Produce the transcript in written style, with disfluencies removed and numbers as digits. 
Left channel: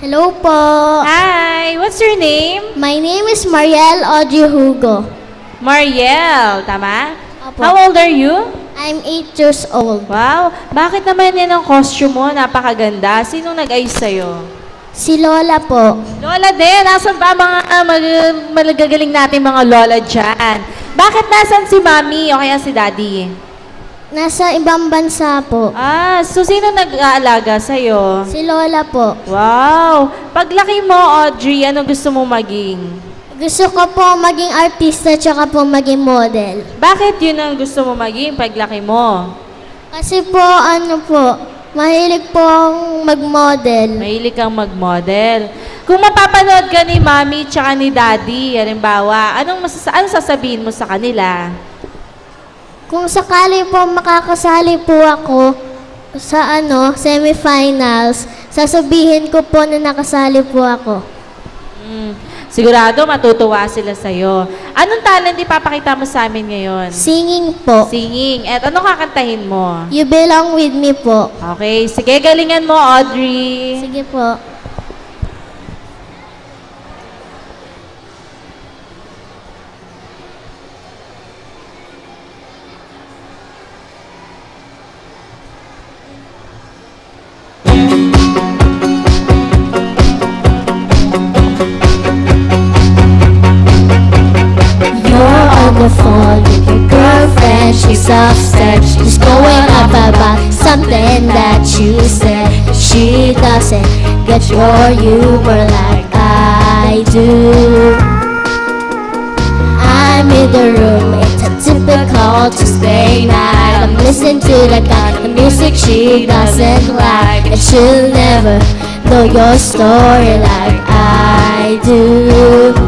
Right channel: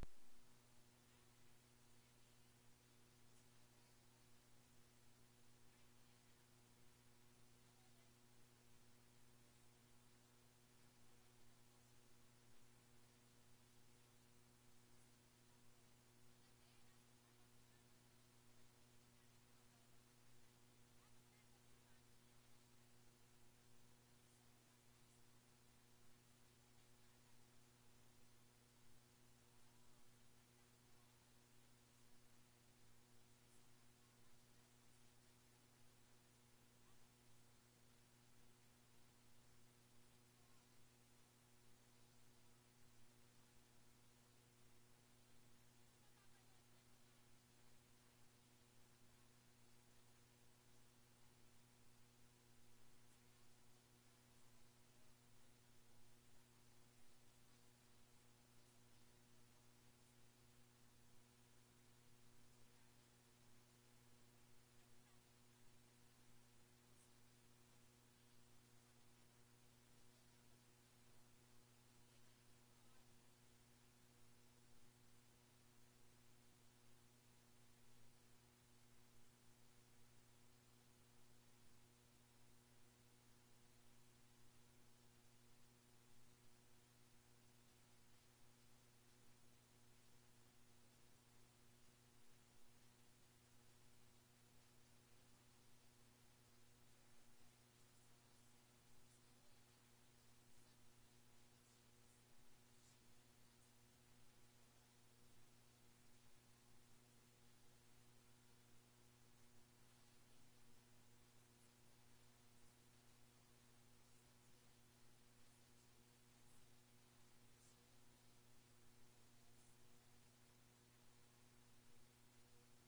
Hello po. Hi! What's your name? My name is Mariel Audrey Hugo. Mariel, tama? Opo. How old are you? I'm 8 years old. Wow! Bakit naman yan ang costume mo? Napakaganda. Sinong nag-ayos sa'yo? Si Lola po. Lola din! Nasaan ba mga magagaling natin mga lola dyan? Bakit nasan si Mami o kaya si Daddy? Nasa ibang bansa po. So sino nag-aalaga sa'yo? Si Lola po. Wow! Paglaki mo, Audrey, ano gusto mo maging? Gusto ko po maging artista tsaka po maging model. Bakit yun ang gusto mo maging paglaki mo? Kasi po, mahilig po akong mag-model. Mahilig kang mag-model. Kung mapapanood ka ni Mami tsaka ni Daddy, halimbawa, anong sasabihin mo sa kanila? Kung sakali po makakasali po ako sa semifinals, sasabihin ko po na nakasali po ako. Sigurado matutuwa sila sa'yo. Anong talent ipapakita mo sa amin ngayon? Singing po. Singing. At ano kakantahin mo? You Belong With Me po. Okay. Sige, galingan mo, Audrey. Sige po. Phone with your girlfriend, she's upset. She's going up about something that you said. She doesn't get your humor like I do. I'm in the room, it's a typical Tuesday night. I'm listening to the kind of music she doesn't like, and she'll never know your story like I do.